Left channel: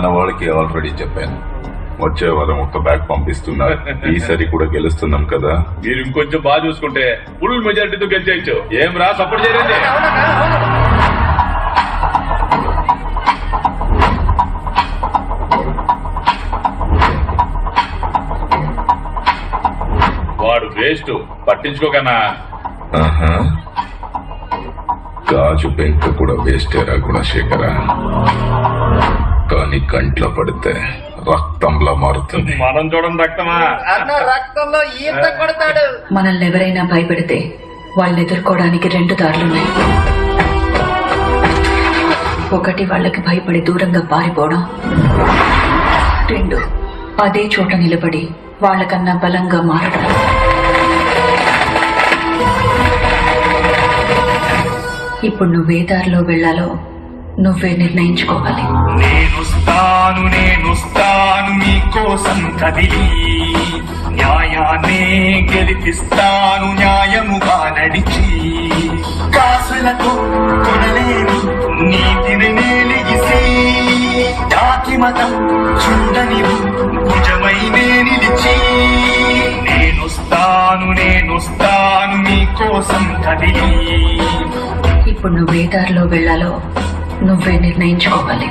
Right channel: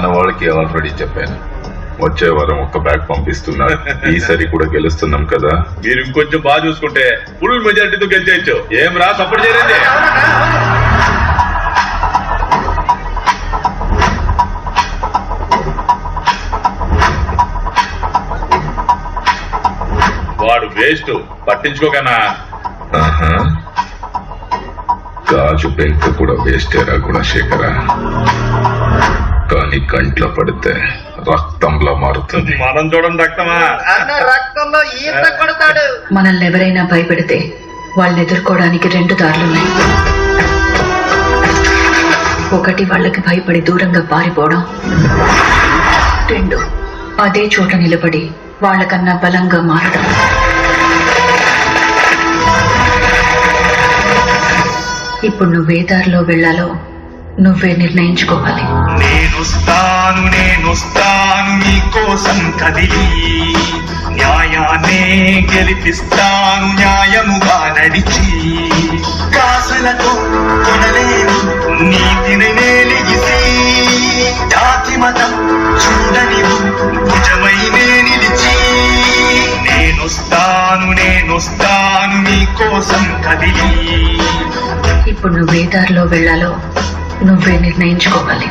మన వాళ్ళకి ఆల్రెడీ చెప్పాను, వచ్చే వారం ఒక బ్యాగ్ పంపిస్తున్నారు. ఈసారి కూడా గెలుస్తున్నాం కదా. మీరు ఇంకొంచెం బాగా చూసుకుంటే ఫుల్ మెజారిటీతో గెలిచేయచ్చు. ఏం రా సపోర్ట్ చేయండి. వాడు వేస్ట్, పట్టించుకోకనా. గాజు పెంక కూడా వేస్టేరా గుణశేఖర, కానీ కంట్లో పడితే రక్తంలో మారుతుంది. మనం చూడండి రక్తమా, రక్తంలో ఈత కొడతాడు. మనల్ని ఎవరైనా భయపెడితే వాళ్ళని ఎదుర్కోవడానికి 2 దారులున్నాయి. ఒకటి వాళ్ళకి భయపడి దూరంగా పారిపోవడం, 2 అదే చోట నిలబడి వాళ్ళకన్నా బలంగా మారడం. ఇప్పుడు నువ్వే దారిలో వెళ్లాలో నువ్వే నిర్ణయించుకోవాలి. నేనొస్తాను నీకోసం కదిలి, న్యాయాన్నే గెలిపిస్తాను న్యాయముగా నడిచి, కాసులతో కొనలేని నీతిని నేలిగిసి, జాతి మతం చూడని భుజమై నిలిచి, నేనొస్తాను నీకోసం కదిలి. ఇప్పుడు నువ్వే దారిలో వెళ్లాలో నువ్వే నిర్ణయించుకోవాలి.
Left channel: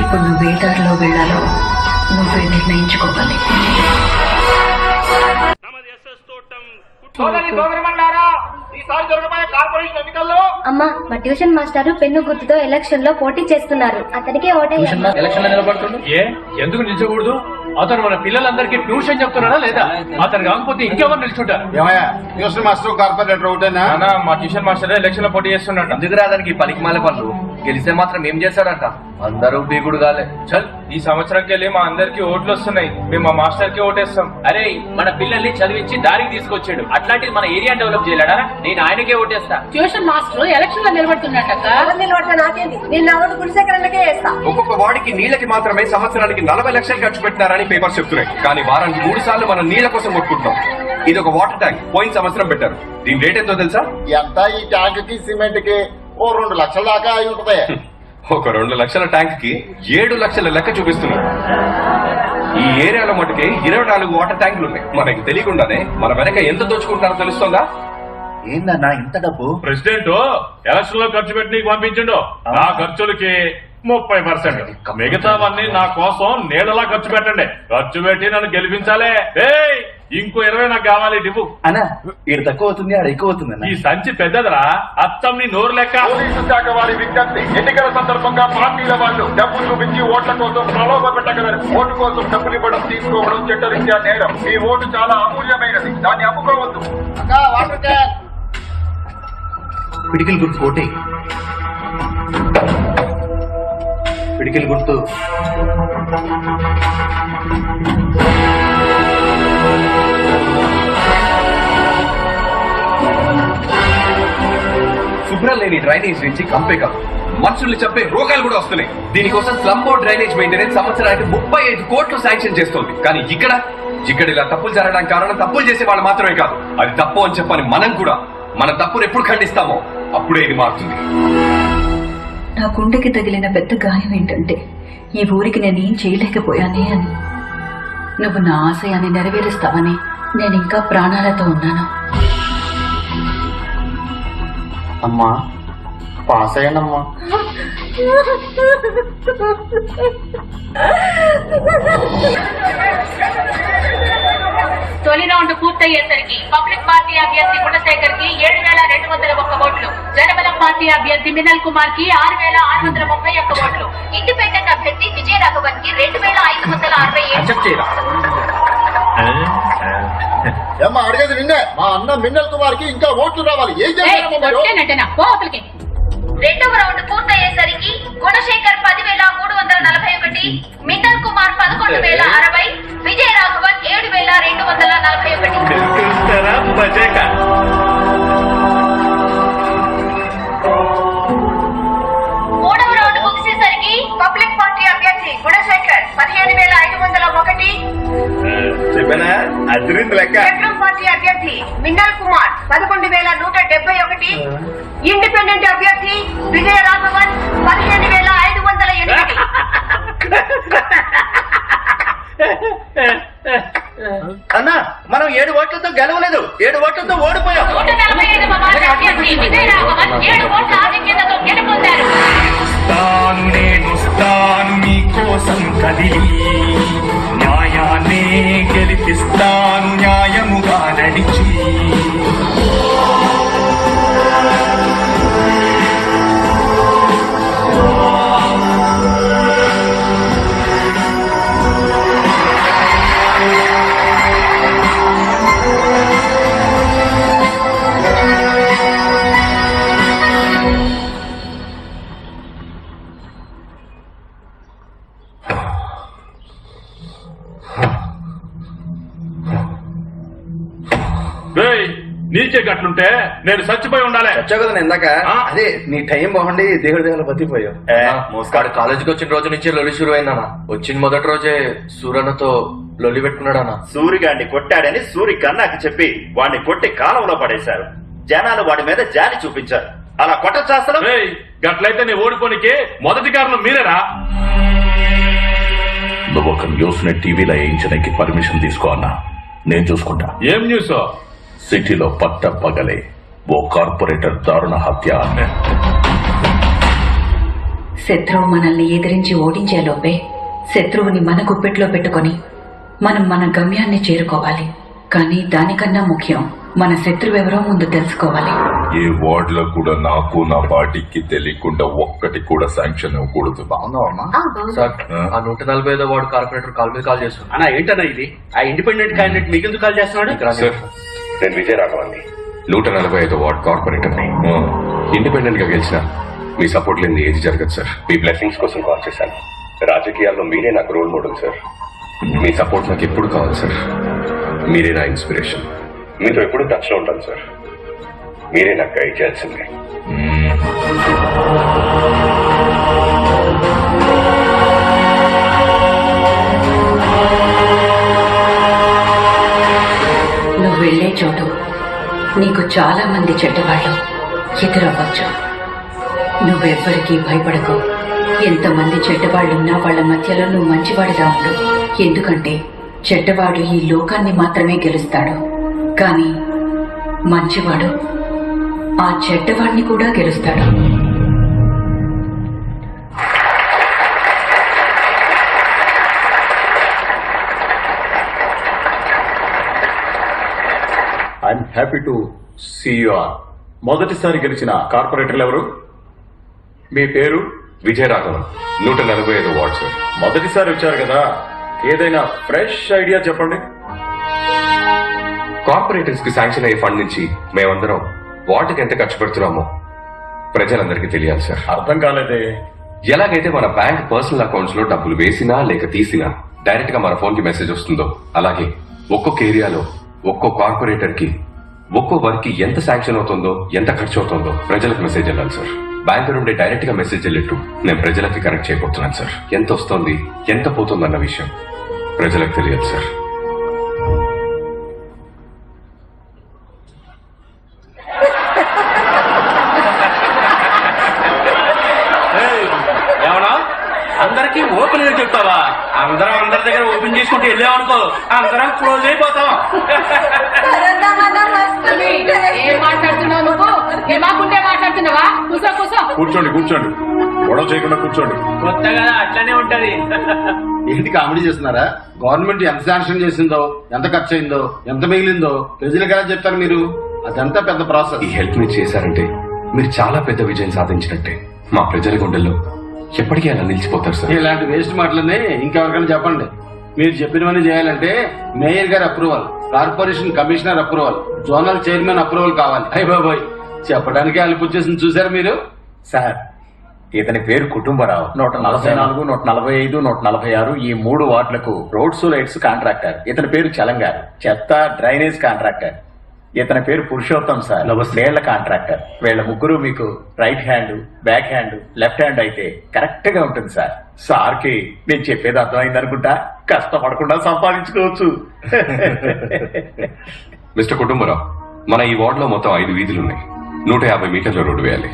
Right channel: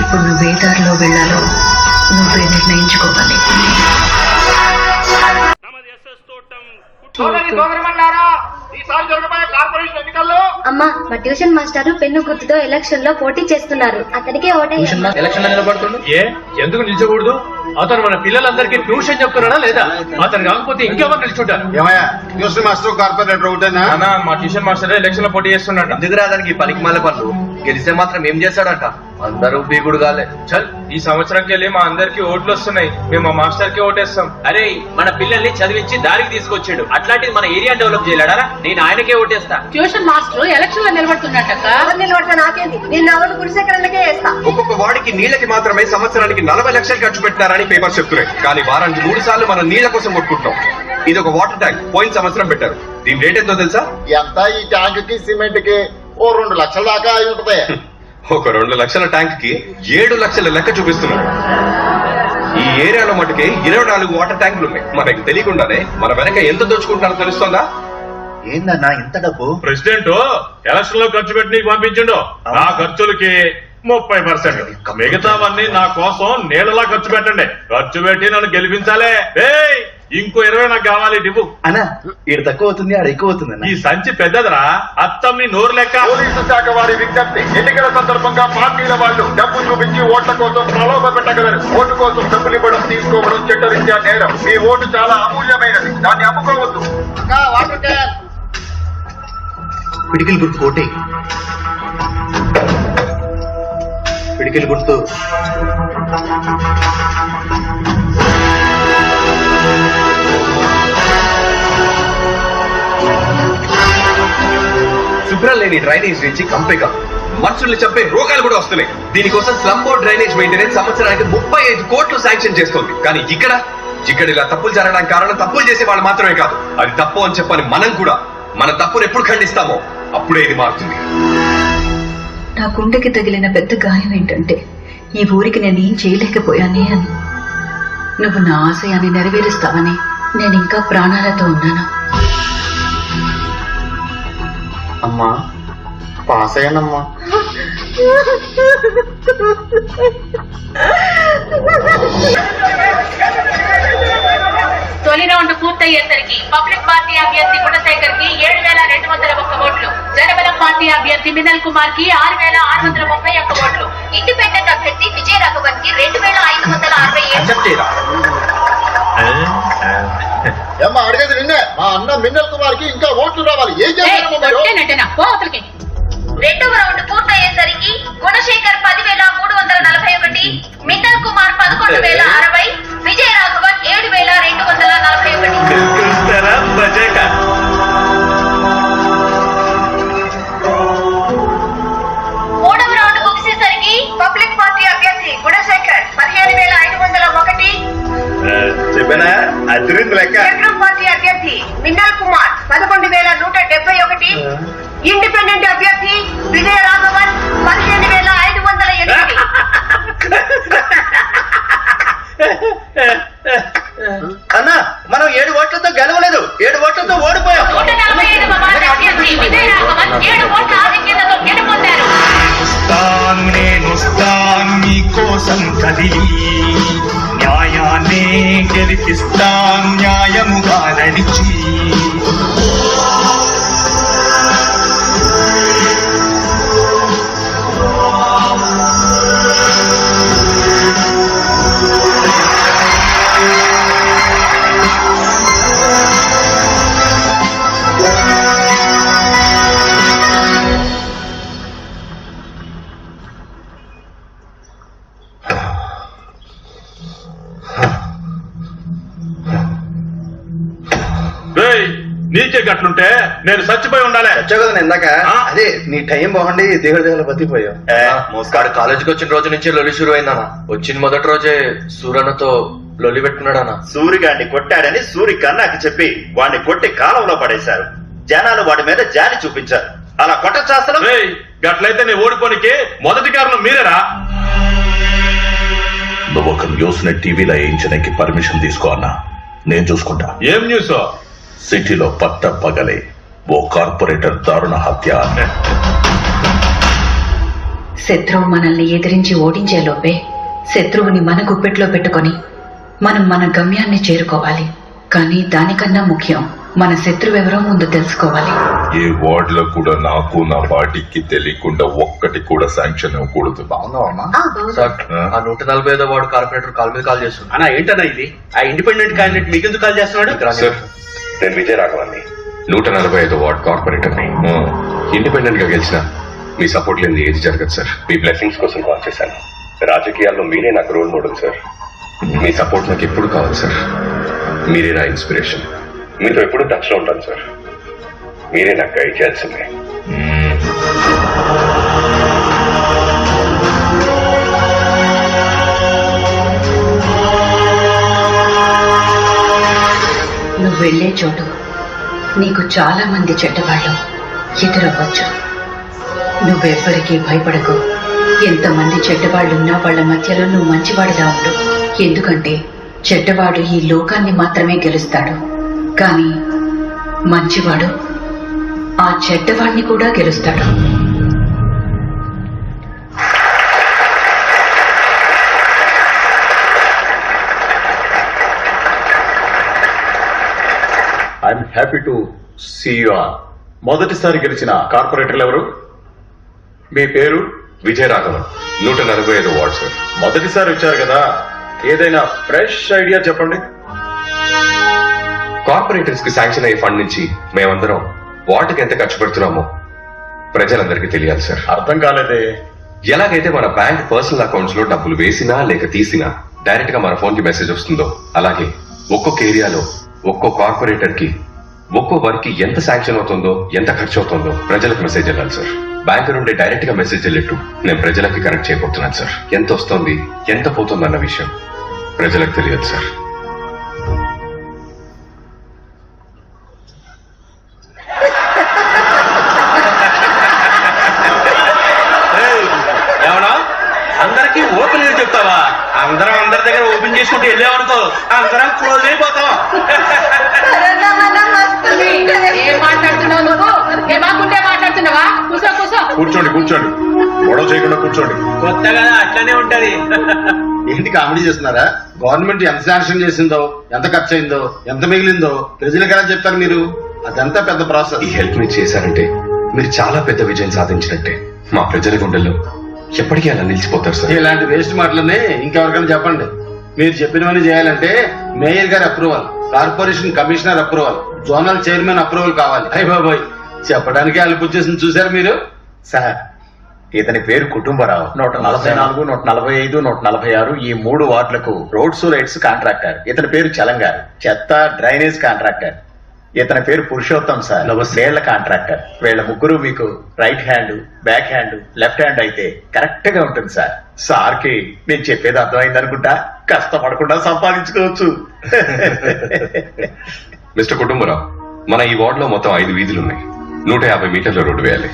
ఇప్పుడు నువ్వే దారిలో వెళ్లాలో నువ్వే నిర్ణయించుకోవాలి. అమ్మా, మా ట్యూషన్ మాస్టర్ పెన్ను గుర్తుతో ఎలక్షన్ లో పోటీ చేస్తున్నారు. అతనికే ఓటేయాలి. ఎలక్షన్ నిలబడుతుంది. ఎందుకు నిల్చకూడదు? అతను మన పిల్లలందరికీ ట్యూషన్ చెప్తున్నాడా లేదా? అతను కాకపోతే ఇంకెవరు నిల్చుంటారు? ట్యూషన్ మాస్టర్ కార్పొరేటర్ ఒకటేనా? మా ట్యూషన్ మాస్టర్ ఎలక్షన్ లో పోటీ చేస్తున్నాడు. ఎందుకు రాదానికి పలికిమాల పనులు? గెలిస్తే మాత్రం ఏం చేస్తాడంట? అందరూ బీగుడు కాలే. చల్, ఈ సంవత్సరంకి వెళ్ళి మా అందరికి ఓట్లు వస్తున్నాయి, మేము మా మాస్టర్ కి ఓటేస్తాం. అరే, మన పిల్లల్ని చదివించి దారికి తీసుకొచ్చాడు, అట్లాంటిది మన ఏరియా డెవలప్ చేయలేడా? నేను ఆయనకే ఓటేస్తా. ట్యూషన్ మాస్టర్ ఎలక్షన్ లో నిలబడుతున్నట్ట. నిలబడితే నాకేంది? నేను ఎవరు గుడిసెకరణకే వేస్తా. ఒక్కొక్క వాడికి నీళ్ళకి మాత్రమే సంవత్సరానికి 40 లక్షలు ఖర్చు పెట్టినారని పేపర్స్ చెప్తున్నాయి. కానీ వారానికి 3 సార్లు మనం నీళ్ల కోసం కొట్టుకుంటాం. ఇది ఒక వాటర్ ట్యాంక్, పోయిన సంవత్సరం పెట్టారు. దీని రేట్ ఎంతో తెలుసా? ఎంత? ఈ ట్యాంక్ కి సిమెంట్ కి ఓ 2 లక్షల దాకా అయి ఉంటది. ఒక 2 లక్షల ట్యాంక్ కి 7 లక్షల లెక్క చూపిస్తున్నారు. ఈ ఏరియాలో మటుకే 24 వాటర్ ట్యాంకులు ఉన్నాయి. మనకి తెలియకుండానే మన వెనక ఎంత దోచుకుంటున్నారో తెలుస్తుందా? ఏందన్నా ఇంత డబ్బు? ప్రెసిడెంట్ ఎలక్షన్ లో ఖర్చు పెట్టి నీకు పంపించిండు. నా ఖర్చులకి 30%, మిగతావన్నీ నా కోసం నీళ్ళలా ఖర్చు పెట్టండి. ఖర్చు పెట్టి నన్ను గెలిపించాలే. ఇంకో 20 నాకు కావాలి. ఇవ్వు అన్నా, ఈడ తక్కువ అవుతుంది, ఆడ ఎక్కువ అవుతుంది. ఈ సంచి పెద్దదిరా, అత్తం నీ నోరు లెక్క. పోలీసు శాఖ వారి విజ్ఞప్తి, ఎన్నికల సందర్భంగా పార్టీల వాళ్ళు డబ్బు చూపించి ఓట్ల కోసం ప్రలోభ పెట్టగలరు. ఓటు కోసం డబ్బులు ఇవ్వడం, తీసుకోవడం చట్టరీత్యా నేరం. మీ ఓటు చాలా అమూల్యమైనది, దాన్ని అమ్ముకోవద్దు. పిడికిల్ గుర్తు కోటే, పిడికిల్ గుర్తు. శుభ్రం లేని డ్రైనేజ్ నుంచి కంపే కాదు, మనుషుల్ని చంపే రోగాలు కూడా వస్తున్నాయి. దీనికోసం స్లమ్ బోర్డ్ డ్రైనేజ్ మెయింటెనెన్స్ సంవత్సరానికి 35 కోట్లు శాంక్షన్ చేస్తోంది. కానీ ఇక్కడ ఇలా తప్పులు జరగడానికి కారణం తప్పులు చేసే వాళ్ళు మాత్రమే కాదు, అది తప్పు అని చెప్పని మనం కూడా మన తప్పును ఎప్పుడు ఖండిస్తామో అప్పుడే ఇది మారుతుంది. నా గుండెకి తగిలిన పెద్ద గాయం ఏంటంటే, ఈ ఊరికి నేనేం చేయలేకపోయానే అని. నువ్వు నా ఆశయాన్ని నెరవేరుస్తావని నేను ఇంకా ప్రాణాలతో ఉన్నాను. అమ్మా, పాస్ అయ్యానమ్మా. తొలి రౌండ్ పూర్తయ్యేసరికి పబ్లిక్ పార్టీ అభ్యర్థి గుణశేఖర్ కి 7,201 ఓట్లు, జనబలం పార్టీ అభ్యర్థి మినల్ కుమార్ కి 6,631 ఓట్లు, ఇండిపెండెంట్ అభ్యర్థి విజయరాఘవన్ కి 2,567. ఏమ్మా, అడిగేది నిన్నే. మా అన్న మిన్నల్ కుమార్ కి ఇంకా ఓట్లు రావాలి. ఏం చేయాలి? రెండవ రౌండ్ పూర్తయ్యేసరికి గుణశేఖర్ 10,341, మిన్నల్ కుమార్ 11,060, విజయరాఘవన్ 7,241. మూడవ రౌండ్ అదిరింది లెక్క. బెడ్రూమ్ పార్టీ అభ్యర్థి మిన్నల్ కుమార్ 11,171, ఇండిపెండెంట్ అభ్యర్థి విజయ రాఘవన్ 15,508. అన్న మనం 7 ఓట్లతో గెలవలేదు, 7 ఓట్లతో ఓడిపోయాం. 147వ వార్డు అభ్యర్థి విజయ రాఘవన్ 7 ఓట్ల ఆధిక్యతతో గెలుపొందారు. నేనొస్తాను నీ కోసం కదిలి, న్యాయాన్నే గెలిపిస్తాను న్యాయముగా నడిచి. రేయ్, నీకే గట్లుంటే నేను చచ్చిపోయి ఉండాలి. వచ్చావు కదా ఇందాక, అదే నీ టైం బాగుండి దేవుడి దేవుడు బతికిపోయావు. మోస్కాడు కాలేజీకి వచ్చిన రోజు నుంచి లొల్లి షురు అయిందన్న. వచ్చిన మొదటి రోజే సూరన్నతో లొల్లి పెట్టుకున్నాడన్న. సూరిగాడిని కొట్టాడని సూరిక నాకు చెప్పి వాడిని కొట్టి కాలంలో పడేశారు. జనాలు వాడి మీద జాలి చూపించారు. అలా కొట్టచ్చేస్తాను. రేయ్, గట్లయితే నీ ఓడిపోనికి మొదటి కారణం మీరేరా? నువ్వు ఒక న్యూస్ ని టీవీలో వేయించడానికి పర్మిషన్ తీసుకో అన్నా, నేను చూసుకుంటా. ఏం న్యూస్? సిటీలో పట్ట పగలే ఓ కార్పొరేటర్ దారుణ హత్య. శత్రువు మనల్ని ఎదిరించి ఓడించేలోపే శత్రువుని మన గుప్పెట్లో పెట్టుకొని మనం మన గమ్యాన్ని చేరుకోవాలి. కానీ దానికన్నా ముఖ్యం మన శత్రువెవరో ముందు తెలుసుకోవాలి. ఏ వార్డ్ లో కూడా నాకు నా పార్టీకి తెలియకుండా ఒక్కటి కూడా శాంక్షన్ ఇవ్వకూడదు. బాగున్నావమ్మా? సార్, ఆ 145వ వార్డు కార్పొరేటర్ కాల్ మీద కాల్ చేస్తున్నాడు. అన్నా ఏంటన్నా ఇది? ఆ ఇండిపెండెంట్ క్యాండిడేట్ మీకెందుకు కాల్ చేస్తున్నాడు? సార్, నేను విజయ రాఘవన్ని 145 వార్డ్ కార్పొరేటర్ ని. ఇండిపెండెంట్ గా గెలిచిన మీ సపోర్ట్ లేని ఏది జరగదు సార్. మీ బ్లెస్సింగ్స్ కోసం కాల్ చేశాను. రాజకీయాల్లో మీరే నాకు రోల్ మోడల్ సార్. మీ సపోర్ట్ నాకు ఎప్పుడు కావాలి సార్. మీరే నా ఇన్స్పిరేషన్. మీతో ఎప్పుడు టచ్ లో ఉంటాను సార్. మీరే నాకు గైడ్ చేయాల్సిందే. నువ్వు వెళ్లే చోటు నీకు చాలా మంది చెడ్డవాళ్ళు ఎదురవ్వచ్చు. నువ్వెవ్వరికీ భయపడకు. ఎంతమంది చెడ్డవాళ్లున్నా వాళ్ల మధ్యలో నువ్వు మంచివాడిలా ఉండు. ఎందుకంటే చెడ్డవాడు ఈ లోకాన్ని మాత్రమే గెలుస్తాడు, కానీ మంచివాడు ఆ చెడ్డవాడిని కూడా గెలుస్తాడు. I'm happy to see you all. మొదటిసారి గెలిచిన కార్పొరేటర్లు ఎవరు? మీ పేరు? Vijaya Raghavan, 145 ward sir. మొదటిసారి వచ్చారు కదా, ఏదైనా ఫ్రెష్ ఐడియా చెప్పండి. కార్పొరేటర్స్ కి శాంక్షన్ అయ్యే ఫండ్ నుంచి మేమందరం వాటికి ఎంత ఖర్చు పెడుతున్నామో ప్రజలందరికీ తెలియాలి సార్. అర్థం కాలేదే. ఎలాగైతే మన బ్యాంక్ పర్సనల్ అకౌంట్స్ లో డబ్బులు వేసినా లేక తీసినా డైరెక్ట్ గా మన ఫోన్ కి మెసేజ్ వస్తుందో, అలాగే ఒక్కొక్క ఏరియాలో ఒక్కో కార్పొరేటర్ కి ఒక్కో వర్క్ కి ఎంత శాంక్షన్ అవుతుందో, ఎంత ఖర్చు అవుతుందో ప్రజలకు మెసేజ్ వెళ్ళాలి సార్. బ్యాంక్ నుండి డైరెక్ట్ గా మెసేజ్ వెళ్ళేట్టు నేను ప్రజలకి కనెక్ట్ చేయబోతున్నాను సార్. ఎంత వస్తుంది, ఎంత పోతుంది అన్న విషయం ప్రజలకు తెలియదు సార్. ఏమన్నా అందరికి ఓపెన్ గా చెప్తావా? అందరం అందరి దగ్గర ఓపెన్ చేసుకుంటూ వెళ్ళామనుకో, అందరం క్లోజ్ అయిపోతాం. ఏం మాట్లాడుతున్నావు నువ్వు? దిమాకుంటే మాట్లాడుతున్నావా? కూసో కూసో. కూర్చోండి కూర్చోండి, గొడవ చేయకుండా కూర్చోండి. కొత్త కదా, అట్లనే ఉంటది. ఏంటి కామెడీ చేస్తున్నారా? గవర్నమెంట్ ఎంత శాంక్షన్ చేసిందో, ఎంత ఖర్చు అయిందో, ఎంత మిగిలిందో ప్రజలకు ఎలా చెప్తారు మీరు? అదంతా పెద్ద ప్రాసెస్. ఈ హెల్ప్ మీరు చేశారంటే మీరు చాలా పెద్ద విజయం సాధించినట్టే. మా ప్రజల గుండెల్లో ఎప్పటికీ అలా నిలిచిపోతారు సార్. ఇలాంటి వేస్ట్ మాటలనే ఇంకెవరికైనా చెప్పండి. మీరు చెప్పినవన్నీ చేయాలంటే మేయర్ గారి approval, corporation commissioner approval, zonal chairman approval కావాలి. అయ్య బాబోయ్, చెప్పడానికి అలుపు చేసింది చూసారు మీరు? సార్, ఇతని పేరు కుటుంబరావు. 144, 145, 146 ఈ 3 వార్డులకు రోడ్స్ లైట్స్ కాంట్రాక్టర్. ఇతని పేరు చలంగారు, చెత్త డ్రైనేజ్ కాంట్రాక్టర్. ఇతని పేరు పురుషోత్తం సార్, నీళ్ల కాంట్రాక్టర్. వీళ్ళ ముగ్గురు మీకు right hand, back hand, left hand అయితే కరెక్ట్ గా ఉంటుంది సార్. సార్కి నేను చెప్పేది అర్థమైంది అనుకుంటా, కష్టపడకుండా సంపాదించుకోవచ్చు. మిస్టర్ కుటుంబరావు, మన ఈ వార్డులో మొత్తం 5 వీధులు ఉన్నాయి. 150 మీటర్ల రోడ్డు వేయాలి.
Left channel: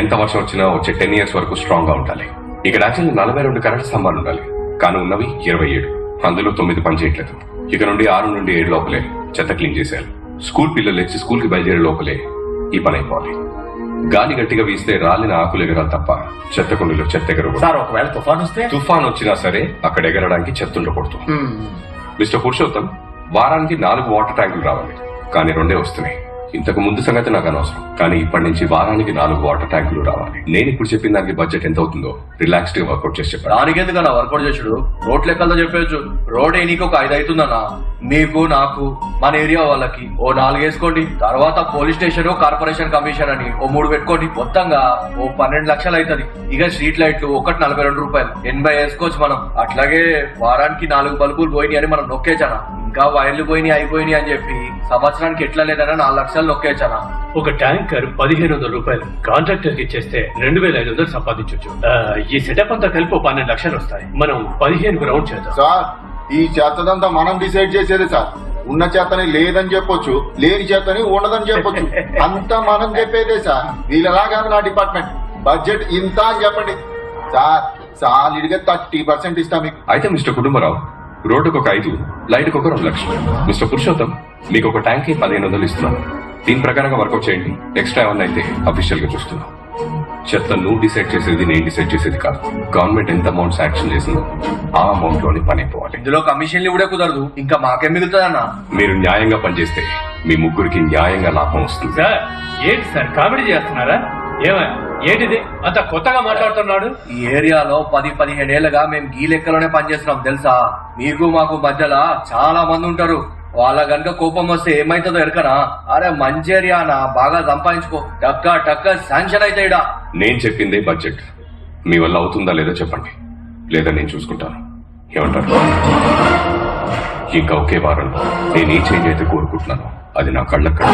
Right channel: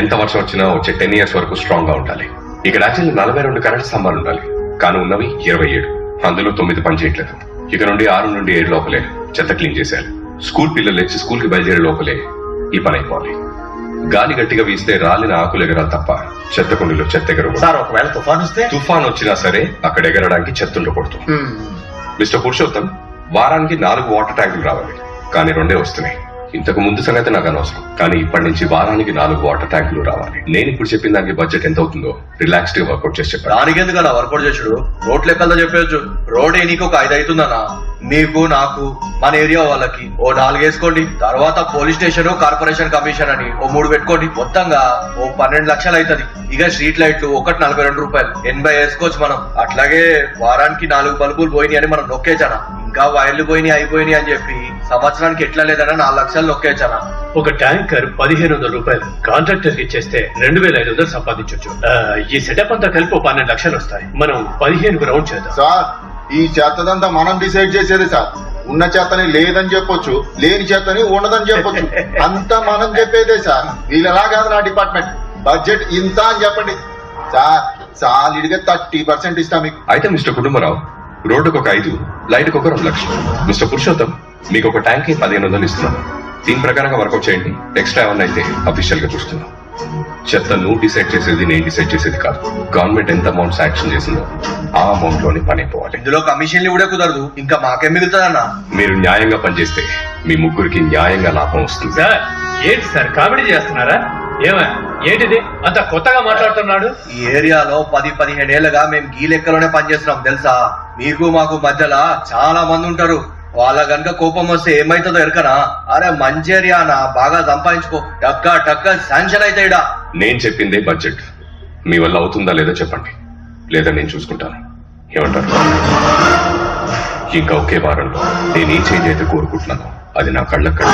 ఎంత వర్షం వచ్చినా వచ్చే 10 years వరకు స్ట్రాంగ్ గా ఉండాలి. ఇక్కడ యాక్చువల్లీ 42 కరెంట్ స్తంభాలు ఉండాలి, కానీ ఉన్నవి 27. అందులో 9 పని చేయట్లేదు. ఇక నుండి 6 నుండి 7 లోపలే చెత్త క్లీన్ చేసేయాలి. స్కూల్ పిల్లలు లేచి స్కూల్ కి బయలుదేరే లోపలే ఈ పని అయిపోవాలి. గాలి గట్టిగా వీస్తే రాలిన ఆకులు ఎగరాలి తప్ప చెత్త కుండీలో చెత్త ఎగరకూడదు. సార్ ఒకవేళ తుఫాన్ వస్తే? తుఫాన్ వచ్చినా సరే అక్కడ ఎగరడానికి చెత్త ఉండకూడదు. మిస్టర్ పురుషోత్తం, వారానికి 4 వాటర్ ట్యాంకులు రావాలి, కానీ 2 వస్తున్నాయి. ఇంతకు ముందు సంగతి నాకు అనవసరం, కానీ ఇప్పటి నుంచి వారానికి 4 వాటర్ ట్యాంకులు రావాలి. నేను ఇప్పుడు చెప్పిన దానికి బడ్జెట్ ఎంత అవుతుందో రిలాక్స్డ్ గా వర్కౌట్ చేసి చెప్పాను. దానికి ఎందుకన్నా వర్కౌట్ చేసుడు? రోడ్ లెక్కలతో చెప్పవచ్చు. రోడ్ నీకు ఒక 5 అవుతుందన్నా, మీకు నాకు మన ఏరియా వాళ్ళకి ఓ 4 వేసుకోండి. తర్వాత పోలీస్ స్టేషన్, కార్పొరేషన్ కమిషన్ అని ఓ 3 పెట్టుకోండి. మొత్తంగా ఓ 12 లక్షలు అవుతుంది. ఇక స్ట్రీట్ లైట్లు ఒకటి 42 రూపాయలు, 80 వేసుకోవచ్చు మనం. అట్లాగే వారానికి 4 బల్బులు పోయినాయి అని మనం నొక్కేచానా, ఇంకా వైర్లు పోయినాయి అయిపోయినాయి అని చెప్పి సంవత్సరానికి ఎట్లా లేదన్నా 4 లక్షలు నొక్కేచానా. ఒక ట్యాంకర్ 1500 రూపాయలు కాంట్రాక్టర్ కి ఇచ్చేస్తే 2500 సంపాదించవచ్చు. ఈ సెటప్ అంతా కలిపి 12 లక్షలు వస్తాయి. మనం 15 రౌండ్ చేద్దాం. సార్, ఈ చేతదంతా మనం డిసైడ్ చేసేది సార్. ఉన్న చేతని లేదని చెప్పొచ్చు, లేని చేతని ఉండదని చెప్పొచ్చు. అంతా మనం చెప్పేదే సార్. వీళ్ళలా కాదు నా డిపార్ట్మెంట్. బడ్జెట్ ఇంత అని చెప్పండి సార్, సాలిడ్ గా 30% ఇస్తాం మీకు. అయితే మిస్టర్ కుటుంబరావు, రోడ్డుకు ఒక 5, లైట్కి ఒక 2 లక్షలు. మిస్టర్ పురుషోత్తం, మీకు ఒక ట్యాంక్ కి 1500 ఇస్తున్నాను. దీని ప్రకారంగా వర్కౌట్ చేయండి. ఎక్స్ట్రా ఏమన్నా అయితే అఫీషియల్ గా చూస్తున్నాం. చెత్త నువ్వు డిసైడ్ చేసేది, నేను డిసైడ్ చేసేది కాదు. గవర్నమెంట్ ఎంత అమౌంట్ శాంక్షన్ చేసిందో ఆ అమౌంట్ లోనే పని అయిపోవాలి. ఇందులో కమిషన్లు కూడా కుదరదు, ఇంకా మాకేం మిగులుతుందన్నా. మీరు న్యాయంగా పనిచేస్తే మీ ముగ్గురికి న్యాయంగా లాభం వస్తుంది. సార్, ఏంటి సార్ కామెడీ చేస్తున్నారా? ఏంటిది అంత కొత్తగా మాట్లాడుతున్నాడు? ఈ ఏరియాలో 10-15 ఏళ్ళగా మేము గీ లెక్కలోనే పనిచేస్తున్నాం తెలుసా. మీకు మాకు మధ్యలో చాలా మంది ఉంటారు. వాళ్ళ గనుక కోపం వస్తే ఏమైతుందో ఎరకనా? అరే మంచి ఏరియానా, బాగా సంపాదించుకో, టక్క శాంక్షన్ అయితే ఇడా. నేను చెప్పిందే బడ్జెట్. మీ వల్ల అవుతుందా లేదా చెప్పండి, లేదా నేను చూసుకుంటాను. ఏమంటారు? ఇంకా ఒకే వారంలో నేను ఏ చేంజ్ అయితే కోరుకుంటున్నానో అది నా కళ్ళకు